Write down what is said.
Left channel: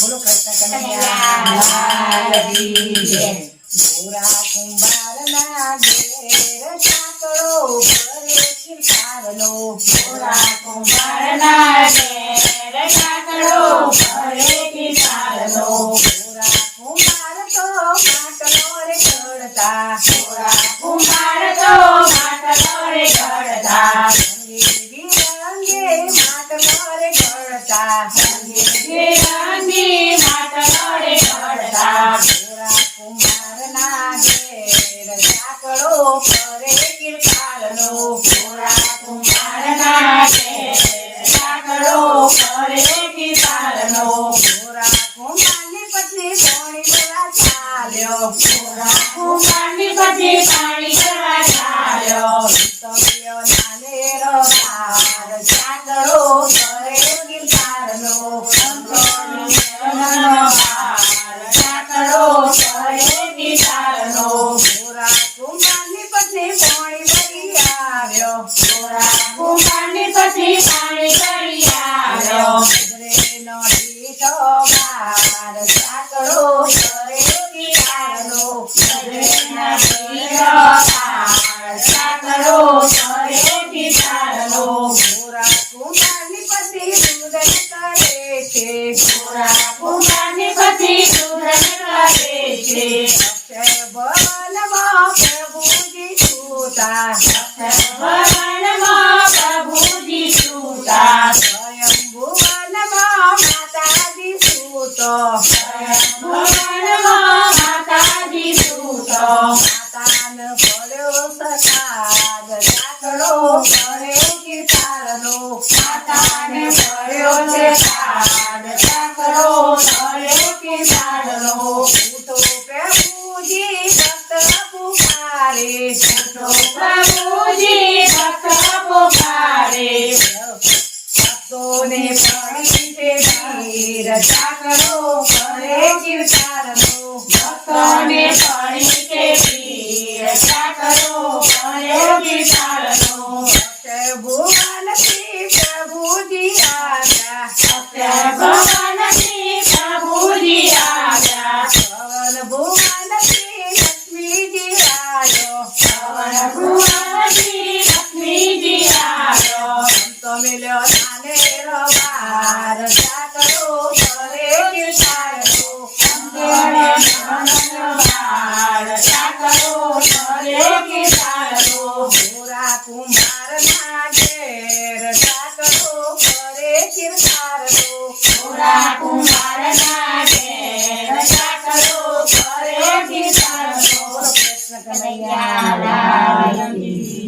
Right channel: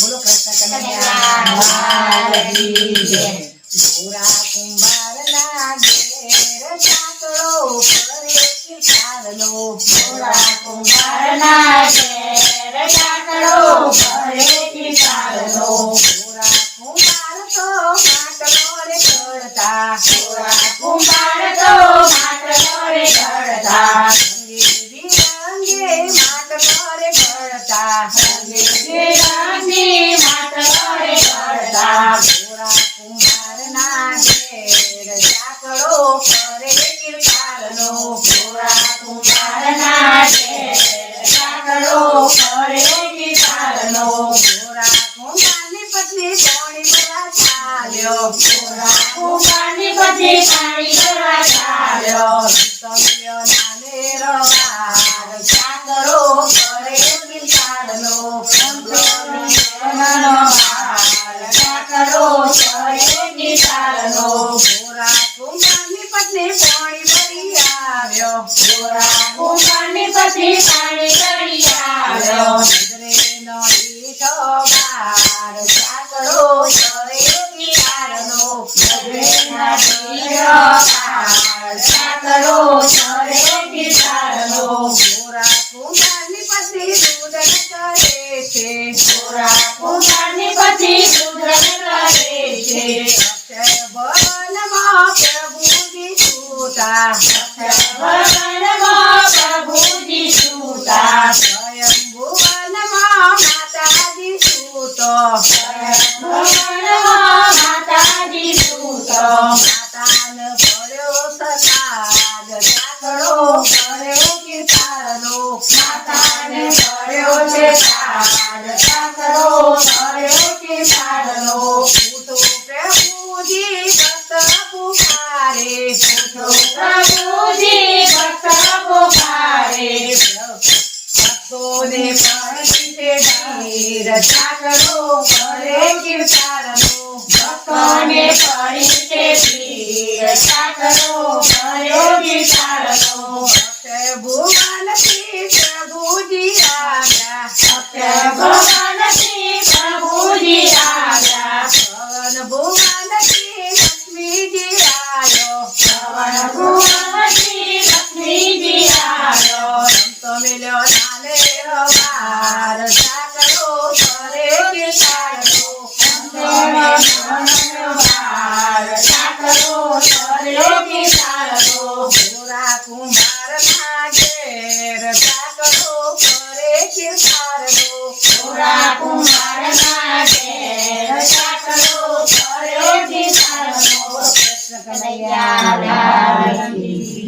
બોલો કૃષ્ણ કનૈયા લાલ કી જય. ગોરા કુંભારના ઘેર સાંકળો ભરે કિરકારનો. ગોરા કુંભારના ઘેર સાંકળો ભરે કિરકારનો. ગોરા કુંભાર તો માટલો રે ચડતા. ગોરા કુંભાર તો માટલો રે ચડતા. રંગે માટલો રે ચડતા. રંગી માટલો રે ચડતા. ગોરા કુંભારના ઘેર સાંકળો ભરે કિરકારનો. ગોરા કુંભારના ઘેર સાંકળો ભરે કિરકારનો. ગોરા કુંભારની પત્ની પાણી ભરવા ચાલ્યો. ગોરા કુંભારની પત્ની પાણી ભરવા ચાલ્યો. તમ્યો નાનેરો બાર સાંકળો ભરે કિરકારનો. સાંકળો ભરે કિરકારનો. ગોરા કુંભારની પત્ની પાણી ભરી આવ્યો. ગોરા કુંભારની પત્ની પાણી ભરી આવ્યો. નજરેનો બીજો બાર સાંકળો ભરે કિરકારનો. નજરેના પીળો પાર સાંકળો ભરે કિરકારનો. ગોરા કુંભારની પત્ની રુદન કરે છે. ગોરા કુંભારની પત્ની સુધન કરે છે. અક્ષર ભવનમાં પ્રભુજી સૂતા. ભવનમાં પ્રભુજી સૂતા. સ્વયંભુવનમાં માતાજી સૂતો. ભવનમાં માતાજી સૂતો. માતાને પડ્યો સતાગ સાંકળો ભર્યો કિરકારનો. માતાને પડ્યો છે સાગ સાંકળો ભર્યો કિરકારનો. ઉઠો પ્રભુજી ભક્ત પુકારે. પ્રભુજી ભક્ત પુકારે. ભક્તોને પરીતે ધીર સાંકળો ભરે કિરકારનો. ભક્તોને પરિચે પીર સાંકળો ભર્યો કિરકારનો. ભુવનથી પ્રભુજી આવ્યા. ભગવાનથી પ્રભુજી આવ્યા. ભવન ભુવનથી લક્ષ્મીજી આવ્યો. ભગવાનથી લક્ષ્મીજી આવ્યો. સંતો મિલ્યો નાનેરો બાર સાંકળો ભરે કિરકારનો. સાંકળો ભર્યો કિરકારનો. ગોરા કુંભારના ઘેર સાંકળો ભરે કિરકારનો. ગોરા કુંભારના ઘેર સાંકળો ભર્યો કિરકારનો. કૃષ્ણ કનૈયા લાલ કી